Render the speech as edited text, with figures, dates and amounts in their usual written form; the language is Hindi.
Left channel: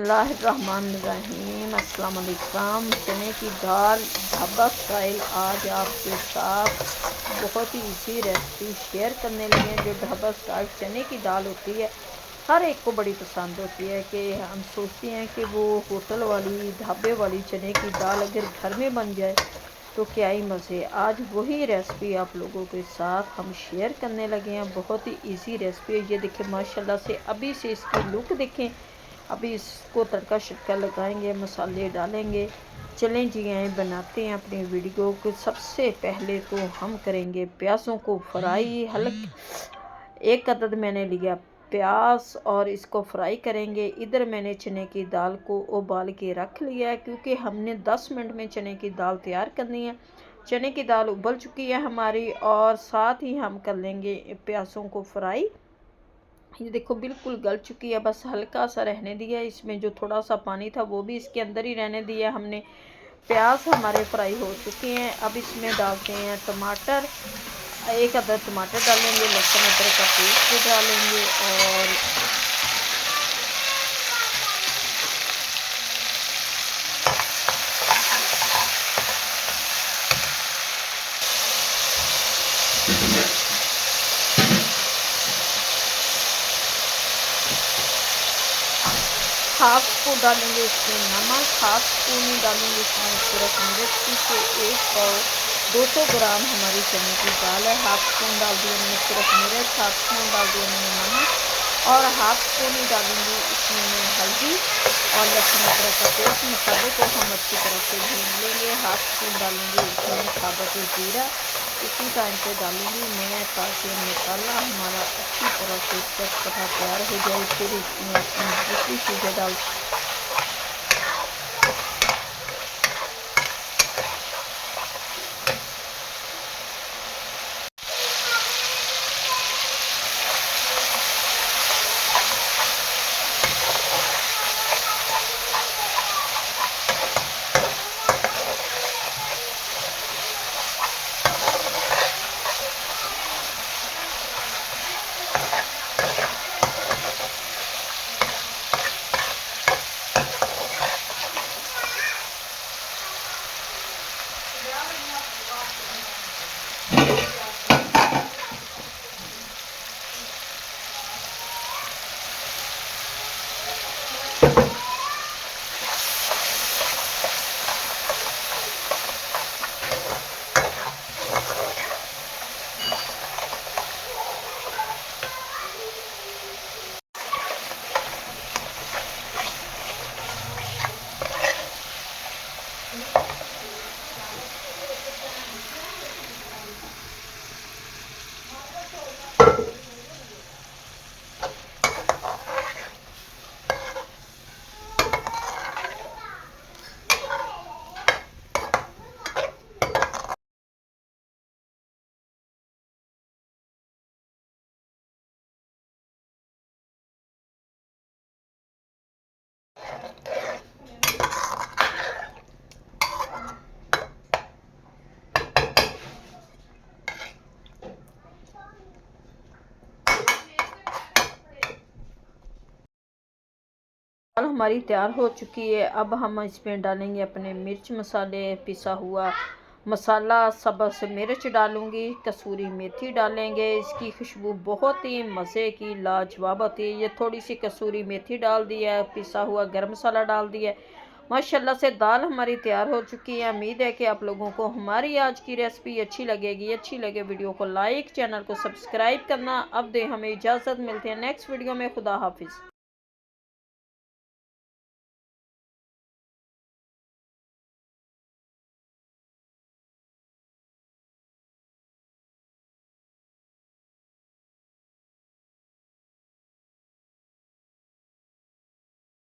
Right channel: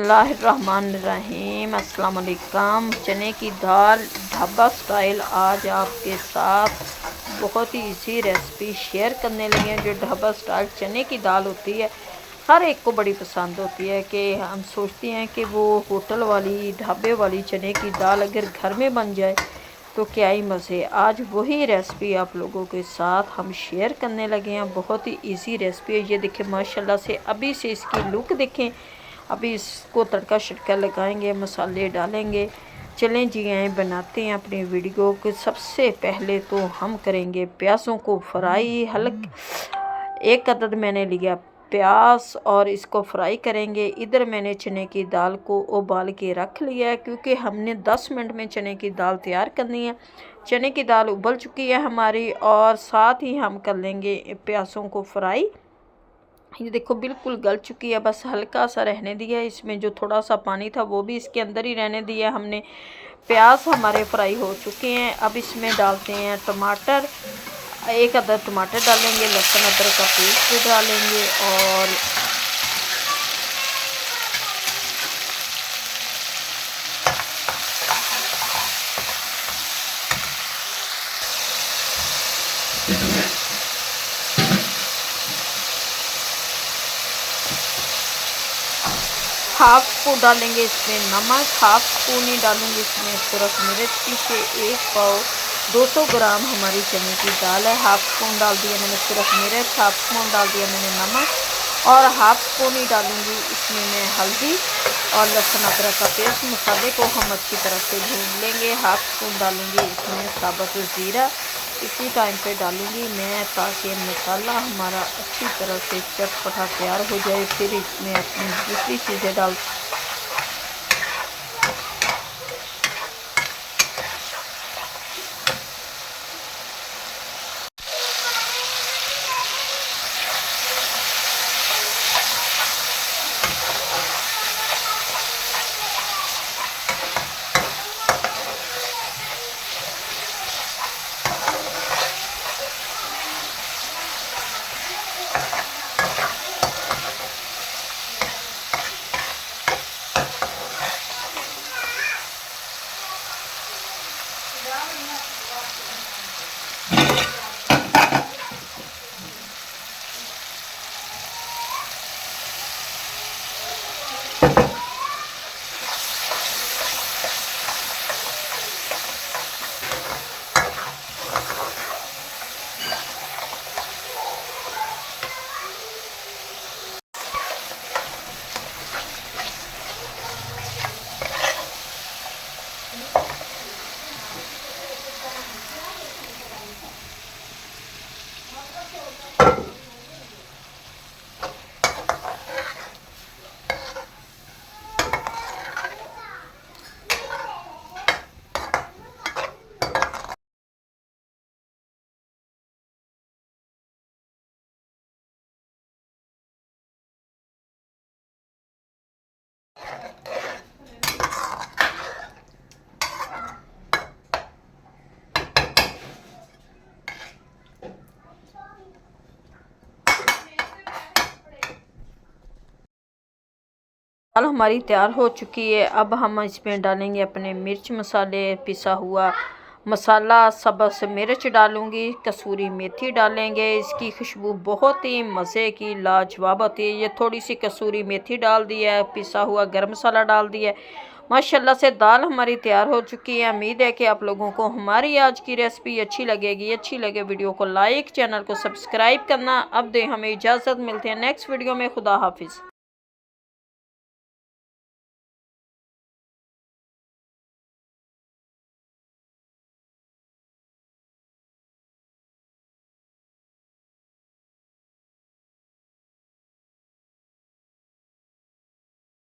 बिस्मिल्लाहिर्रहमानिर्रहीम अस्सलाम वालेकुम। चने की दाल ढाबा स्टाइल आज आपके साथ बहुत ही इजी रेसिपी शेयर करने लगे हैं। जो ढाबा स्टाइल चने की दाल होती है हर एक को बड़ी पसंद होती है कि हम सोचते हैं कि वो होटल वाली ढाबे वाली चने की दाल अगर घर में बन जाए तो क्या ही मज़े। आज वही रेसिपी आप लोगों के साथ हम शेयर करने लगे हैं। बहुत ही इजी रेसिपी है। ये देखें माशाल्लाह से अभी से इसकी लुक देखें। अभी इसको तड़का शड़का लगाएंगे, मसाले डालेंगे। चलें जी आए बनाते हैं अपनी वीडियो को। सबसे पहले तो हम करेंगे प्याज़ों को फ्राई। एक अदद मैंने लिया प्याज और इसको फ्राई करेंगे। इधर मैंने चने की दाल को उबाल के रख लिया है क्योंकि हमने 10 मिनट में चने की दाल तैयार करनी है। चने की दाल उबल चुकी है हमारी और साथ ही हम कर लेंगे प्याज़ों को फ्राई। ये देखो बिल्कुल गल चुकी है, बस हल्का सा रहने दिया है। इसमें जो थोड़ा सा पानी था वो भी इसके अंदर ही रहने दिया हमने। प्याज हमारे फ्राई हो चुके हैं। अब इसमें डालते हैं टमाटर। एक अदद टमाटर डालेंगे, लहसुन अदरक का पेस्ट भी डालेंगे और हाफ स्पून डालेंगे इसमें नमक, हाफ स्पून ही डालूंगी इसमें सिर्फ मिर्च की। एक पाव 200 ग्राम हमारी चने की दाल है। हाफ स्पून डाल दिया मैंने सिर्फ मिर्च, हाफ स्पून डाल दिया मैंने नमक और हाफ स्पून ही डालूंगी इसमें मैं हल्दी और लहसुन अदरक का पेस्ट। मसाले को हम अच्छी तरह से भून लेंगे। हाफ स्पून डालूंगी इसमें साबुत ज़ीरा। इसी टाइम पे डालूंगी मैं ताकि मसाला हमारा अच्छी तरह से चटपटा तैयार हो जाए। फिर इसमें अपनी दूसरी चीज़ें डाल दाल हमारी तैयार हो चुकी है। अब हम इसमें डालेंगे अपने मिर्च मसाले, पिसा हुआ मसाला, सब्ज़ मिर्च डालूंगी, कसूरी मेथी डालेंगे। इसकी खुशबू बहुत ही मज़े की लाजवाब होती है। ये थोड़ी सी कसूरी मेथी डाल दिया है, पिसा हुआ गरम मसाला डाल दिया है। माशाल्लाह से दाल हमारी तैयार हो चुकी है। उम्मीद है कि आप लोगों को हमारी आज की रेसिपी अच्छी लगेगी। अच्छी लगे वीडियो को लाइक, चैनल को सब्सक्राइब करना। अब दे हमें इजाज़त, मिलते हैं नेक्स्ट वीडियो में। खुदा हाफिज़।